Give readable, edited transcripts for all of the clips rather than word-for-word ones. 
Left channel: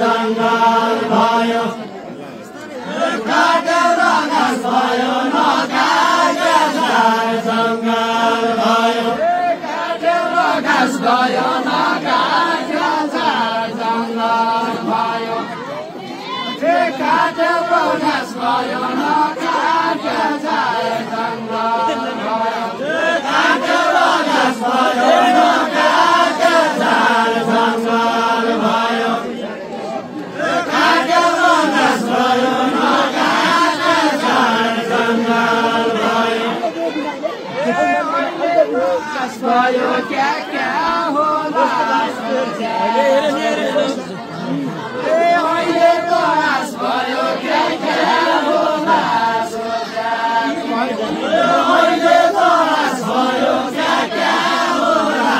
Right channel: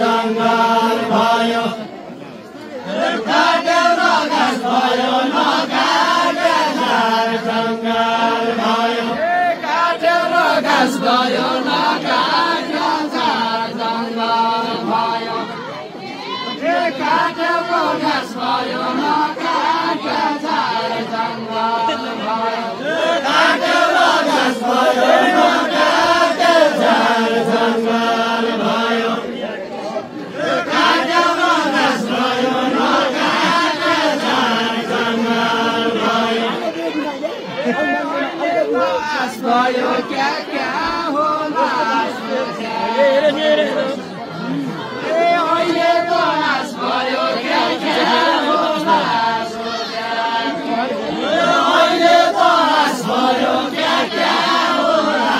जङ्गल भयो काट्यो र घाँस भयो नकाट्यो झार जङ्गल भयो काट्यो र घाँस भयो नकाट्यो झार जङ्गल भयो काट्यो र घाँस भयो नकाट्यो झार जङ्गल भयो काट्यो र घाँस भयो नकाट्यो झार जङ्गल भयो काट्यो र घाँस भयो नकाट्यो झार जङ्गल भयो भयो क्या क्या होला अहिलेको हाँस भयो क्या क्या होला अहिलेको हाँस भयो क्या क्या होला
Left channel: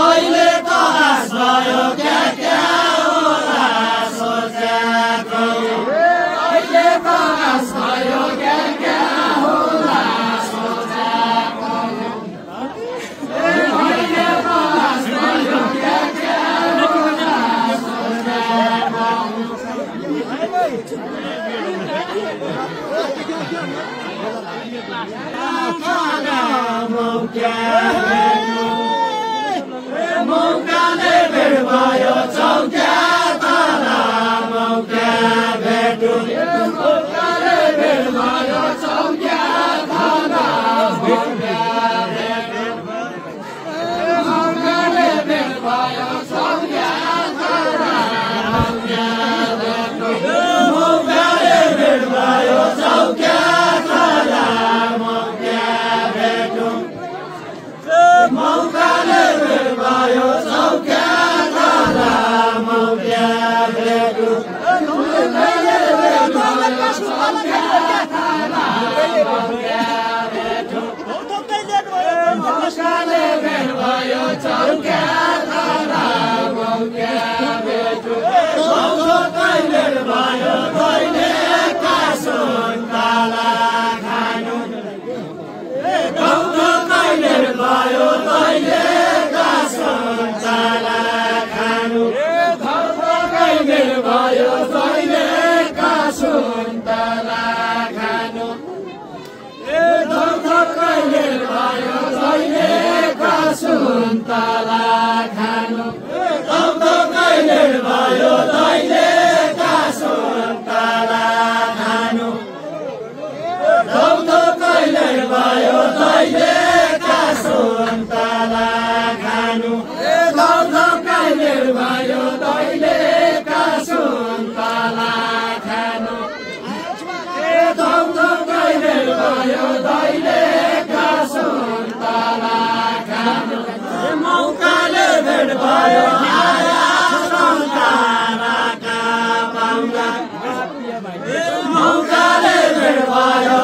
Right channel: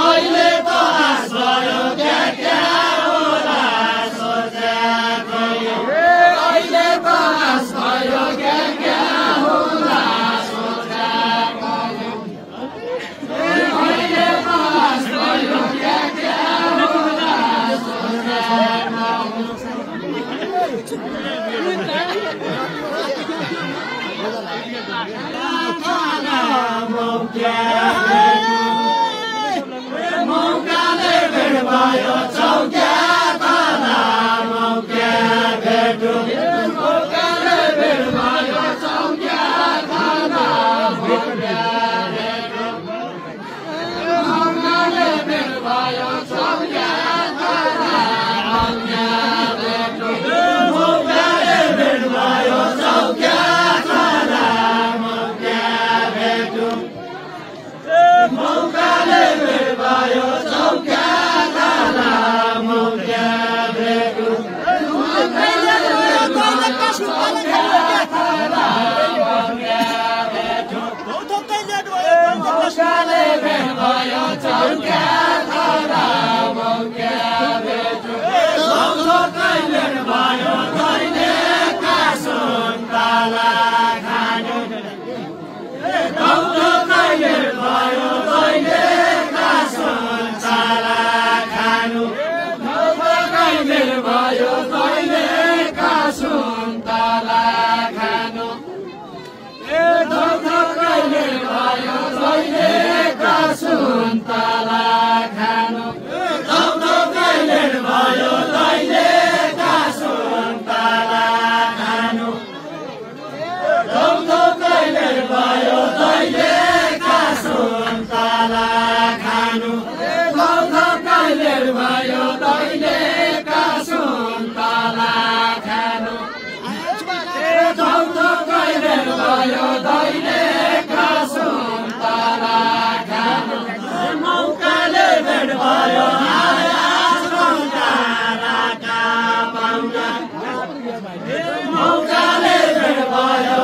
अहिलेको हाँस भयो क्या क्या होला अहिलेको हाँस भयो क्या क्या होला अहिलेको हाँस भयो क्या क्या होला मौकाले भेट भयो चौक्या तर मौका भेटु मौकाले भेट भयो चौक्या तर मौकाले भेट भयो चौक्या तर मौकाले भेट भयो चौक्या तर मौकाले भेट भयो चौक्या तर मौका भेटु मौकाले भेट भयो चौक्या तर मौका भेटु मौकाले भेट भयो चौक्या तर मौका भेटु कहिले भयो कहिले कासुन पाला खानु कहिले भयो कहिले कासुन पाला खानु कहिले भयो कहिले कासुन पाला खानु कहिले भयो कहिले कासुन पाला खानु कहिले भयो कहिले कासुन पाला खानु कहिले भयो कहिले कासुन पाला खानु कहिले भयो कहिले कासुन पाला खानु कहिले भयो कहिले कासुन पाला खानु मौकाले भेट भयो मौकाले भेट भयो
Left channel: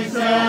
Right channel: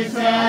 विश्व